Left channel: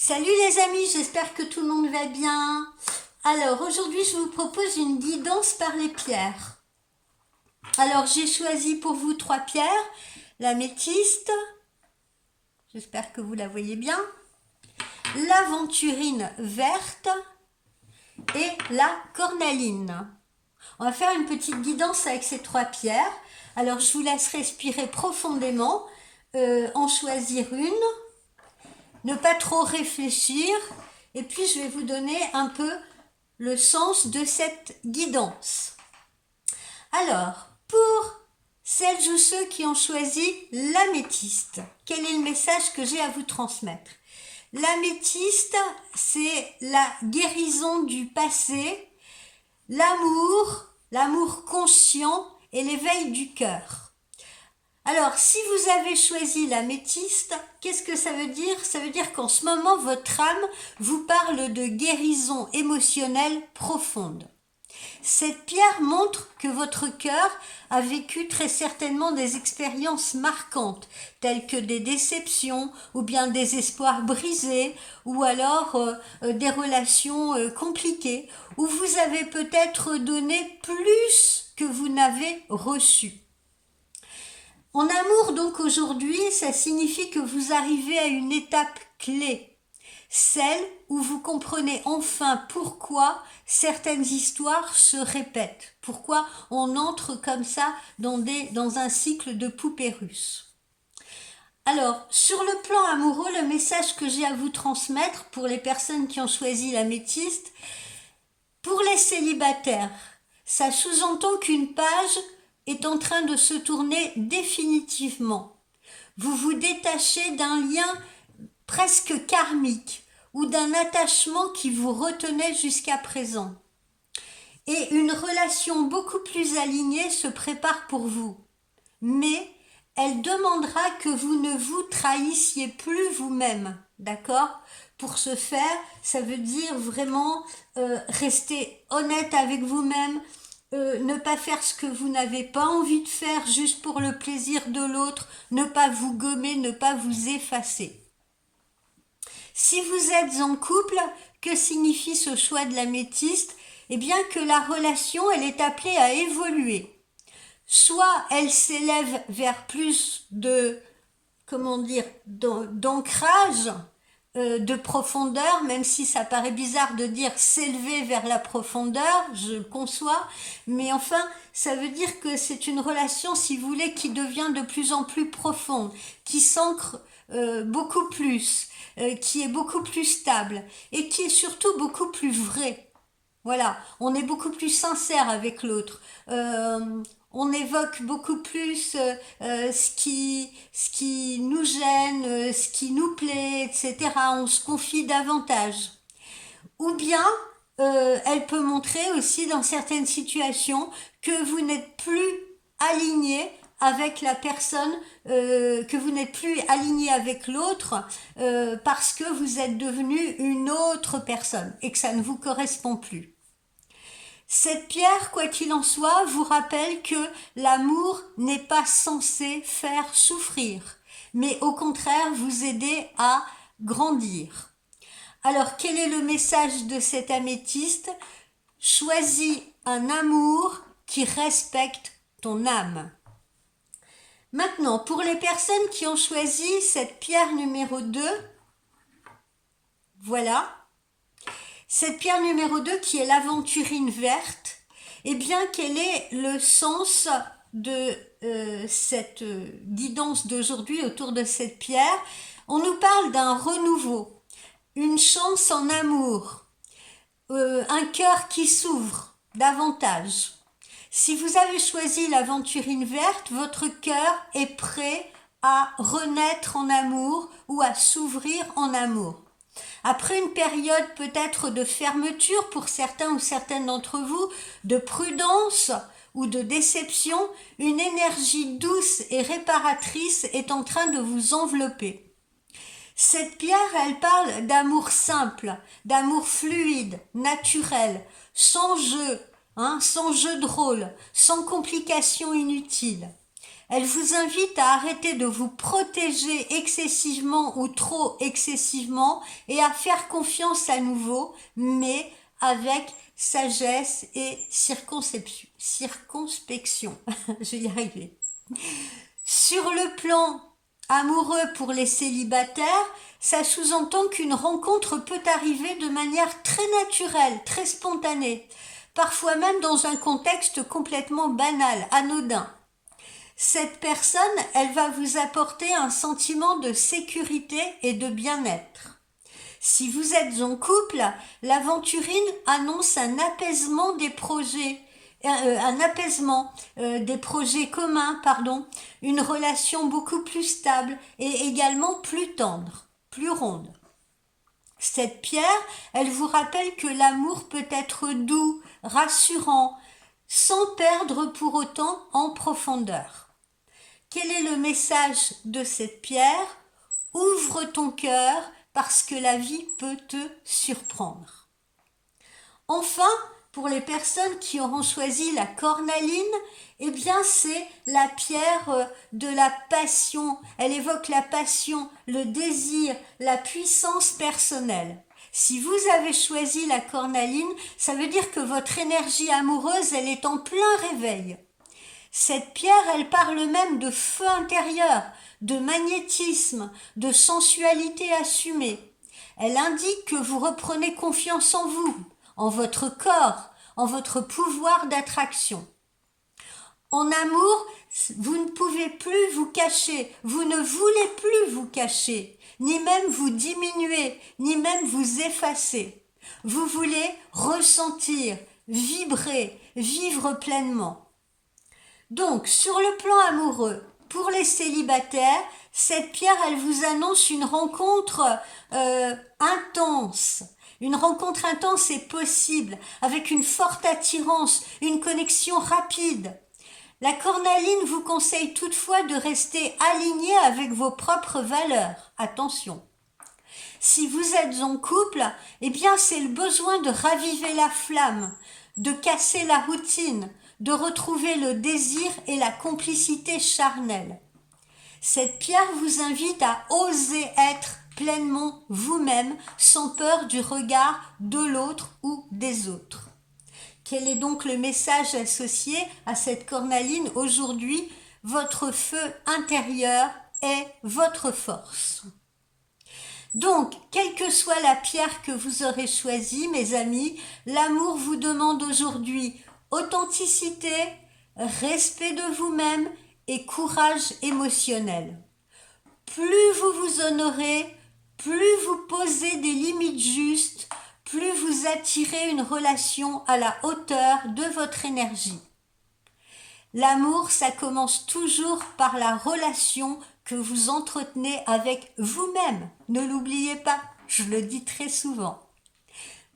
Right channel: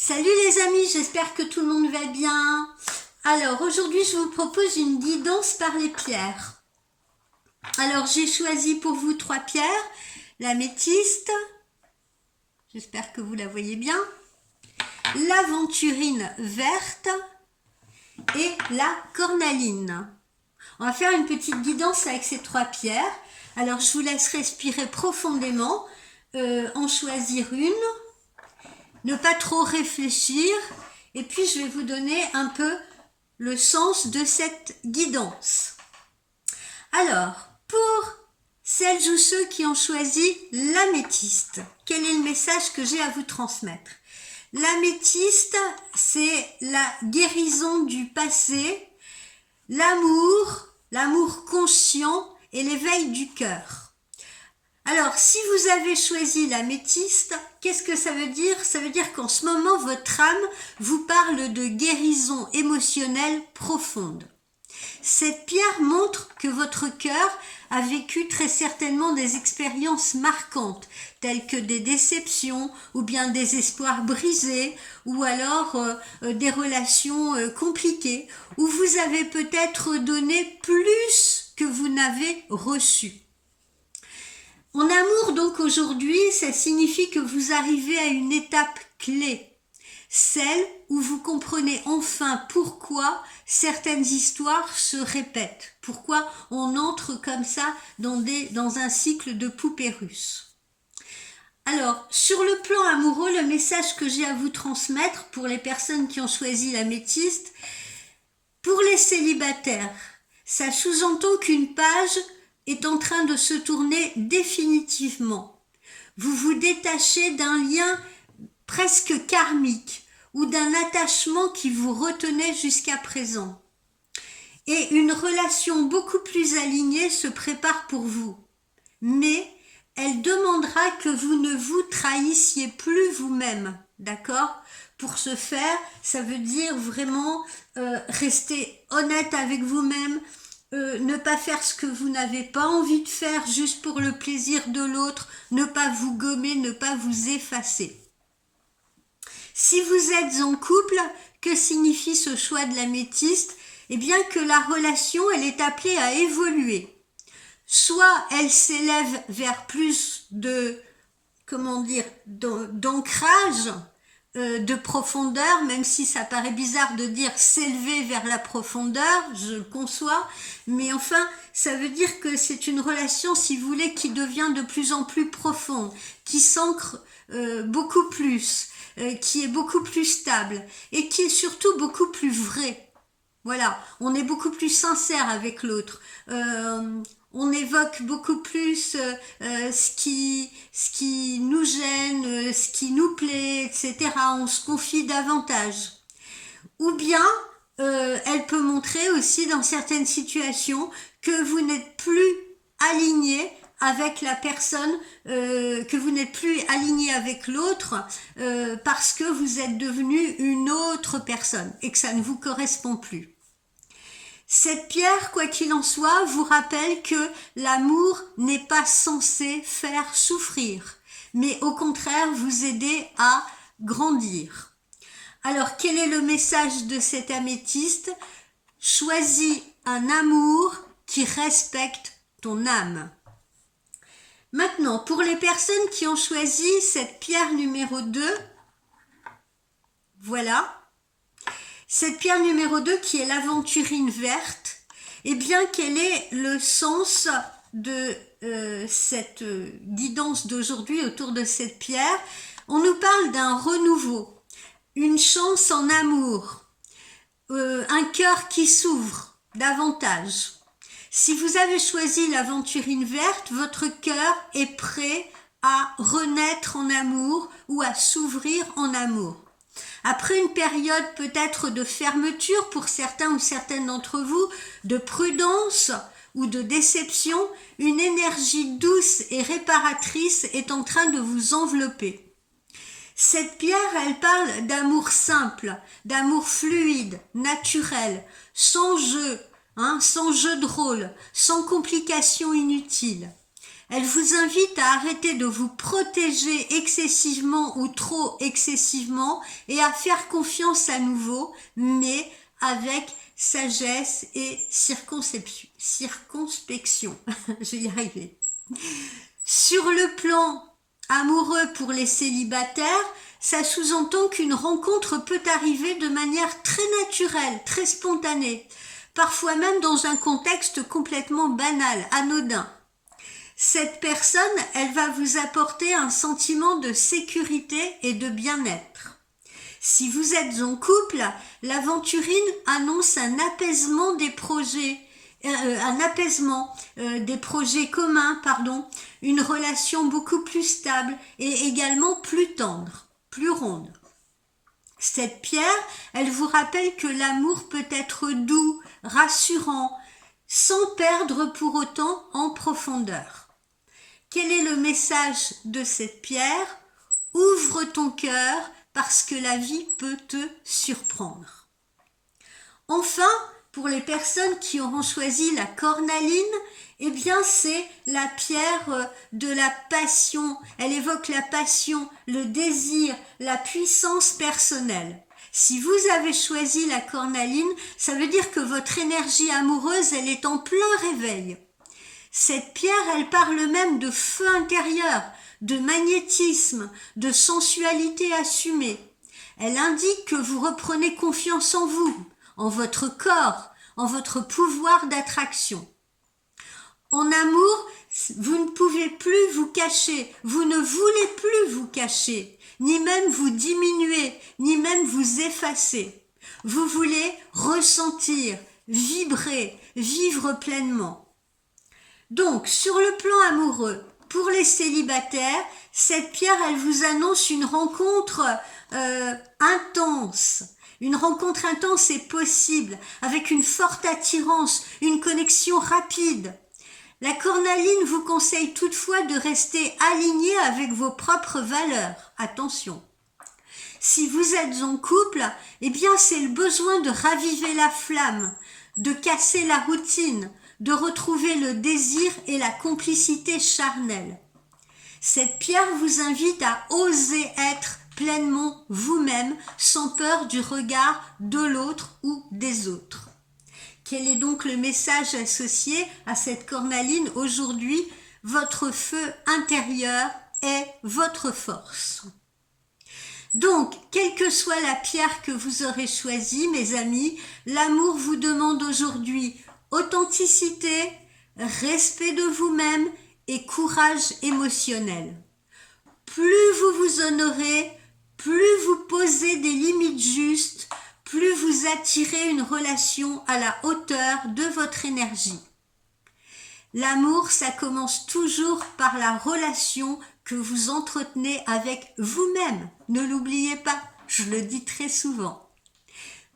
Salut les amis, j'espère que tout le monde va bien. Alors aujourd'hui je vous propose une guidance par les pierres. Alors j'ai choisi pour vous 3 pierres, l'améthyste, j'espère que vous la voyez bien, l'aventurine verte et la cornaline. On va faire une petite guidance avec ces 3 pierres. Alors je vous laisse respirer profondément, en choisir une. Ne pas trop réfléchir, et puis je vais vous donner un peu le sens de cette guidance. Alors, pour celles ou ceux qui ont choisi l'améthyste, quel est le message que j'ai à vous transmettre? L'améthyste, c'est la guérison du passé, l'amour conscient et l'éveil du cœur. Alors, si vous avez choisi l'améthyste, qu'est-ce que ça veut dire? Ça veut dire qu'en ce moment, votre âme vous parle de guérison émotionnelle profonde. Cette pierre montre que votre cœur a vécu très certainement des expériences marquantes, telles que des déceptions, ou bien des espoirs brisés, ou alors des relations compliquées, où vous avez peut-être donné plus que vous n'avez reçu. En amour, donc, aujourd'hui, ça signifie que vous arrivez à une étape clé, celle où vous comprenez enfin pourquoi certaines histoires se répètent, pourquoi on entre comme ça dans un cycle de poupées russes. Alors, sur le plan amoureux, le message que j'ai à vous transmettre pour les personnes qui ont choisi l'améthyste, pour les célibataires, ça sous-entend qu'une page est en train de se tourner définitivement. Vous vous détachez d'un lien presque karmique ou d'un attachement qui vous retenait jusqu'à présent. Et une relation beaucoup plus alignée se prépare pour vous. Mais elle demandera que vous ne vous trahissiez plus vous-même, d'accord? Pour ce faire, ça veut dire vraiment rester honnête avec vous-même, ne pas faire ce que vous n'avez pas envie de faire juste pour le plaisir de l'autre, ne pas vous gommer, ne pas vous effacer. Si vous êtes en couple, que signifie ce choix de l'améthyste? Eh bien que la relation, elle est appelée à évoluer. Soit elle s'élève vers plus de, d'ancrage, de profondeur, même si ça paraît bizarre de dire s'élever vers la profondeur, je le conçois, mais enfin, ça veut dire que c'est une relation, si vous voulez, qui devient de plus en plus profonde, qui s'ancre beaucoup plus, qui est beaucoup plus stable, et qui est surtout beaucoup plus vraie. Voilà, on est beaucoup plus sincère avec l'autre. On évoque beaucoup plus ce qui nous gêne, ce qui nous plaît, etc. On se confie davantage. Ou bien, elle peut montrer aussi dans certaines situations que vous n'êtes plus aligné avec la personne, que vous n'êtes plus aligné avec l'autre parce que vous êtes devenu une autre personne et que ça ne vous correspond plus. Cette pierre, quoi qu'il en soit, vous rappelle que l'amour n'est pas censé faire souffrir, mais au contraire vous aider à grandir. Alors, quel est le message de cet améthyste? Choisis un amour qui respecte ton âme. Maintenant, pour les personnes qui ont choisi cette pierre numéro 2, voilà. Cette pierre numéro 2 qui est l'aventurine verte, eh bien quel est le sens de cette guidance d'aujourd'hui autour de cette pierre? On nous parle d'un renouveau, une chance en amour, un cœur qui s'ouvre davantage. Si vous avez choisi l'aventurine verte, votre cœur est prêt à renaître en amour ou à s'ouvrir en amour. Après une période peut-être de fermeture pour certains ou certaines d'entre vous, de prudence ou de déception, une énergie douce et réparatrice est en train de vous envelopper. Cette pierre, elle parle d'amour simple, d'amour fluide, naturel, sans jeu, sans jeu de rôle, sans complications inutiles. Elle vous invite à arrêter de vous protéger excessivement ou trop excessivement et à faire confiance à nouveau, mais avec sagesse et circonspection. Je vais y arriver. Sur le plan amoureux pour les célibataires, ça sous-entend qu'une rencontre peut arriver de manière très naturelle, très spontanée, parfois même dans un contexte complètement banal, anodin. Cette personne, elle va vous apporter un sentiment de sécurité et de bien-être. Si vous êtes en couple, l'aventurine annonce un apaisement des projets, communs, une relation beaucoup plus stable et également plus tendre, plus ronde. Cette pierre, elle vous rappelle que l'amour peut être doux, rassurant, sans perdre pour autant en profondeur. Quel est le message de cette pierre? Ouvre ton cœur parce que la vie peut te surprendre. Enfin, pour les personnes qui auront choisi la cornaline, eh bien c'est la pierre de la passion. Elle évoque la passion, le désir, la puissance personnelle. Si vous avez choisi la cornaline, ça veut dire que votre énergie amoureuse, elle est en plein réveil. Cette pierre, elle parle même de feu intérieur, de magnétisme, de sensualité assumée. Elle indique que vous reprenez confiance en vous, en votre corps, en votre pouvoir d'attraction. En amour, vous ne pouvez plus vous cacher, vous ne voulez plus vous cacher, ni même vous diminuer, ni même vous effacer. Vous voulez ressentir, vibrer, vivre pleinement. Donc, sur le plan amoureux, pour les célibataires, cette pierre, elle vous annonce une rencontre intense. Une rencontre intense est possible, avec une forte attirance, une connexion rapide. La cornaline vous conseille toutefois de rester aligné avec vos propres valeurs. Attention. Si vous êtes en couple, eh bien c'est le besoin de raviver la flamme, de casser la routine, de retrouver le désir et la complicité charnelle. Cette pierre vous invite à oser être pleinement vous-même, sans peur du regard de l'autre ou des autres. Quel est donc le message associé à cette cornaline aujourd'hui? Votre feu intérieur est votre force. Donc, quelle que soit la pierre que vous aurez choisie, mes amis, l'amour vous demande aujourd'hui authenticité, respect de vous-même et courage émotionnel. Plus vous vous honorez, plus vous posez des limites justes, plus vous attirez une relation à la hauteur de votre énergie. L'amour, ça commence toujours par la relation que vous entretenez avec vous-même. Ne l'oubliez pas, je le dis très souvent.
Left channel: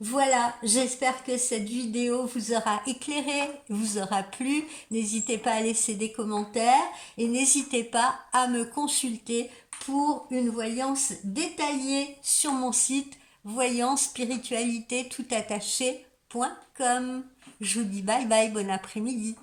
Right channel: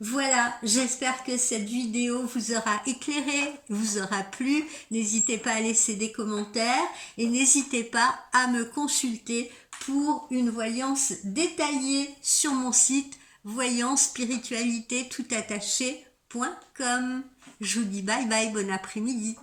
Voilà, j'espère que cette vidéo vous aura éclairé, vous aura plu. N'hésitez pas à laisser des commentaires et n'hésitez pas à me consulter pour une voyance détaillée sur mon site voyance-spiritualité-tout-attaché.com. Je vous dis bye bye, bon après-midi.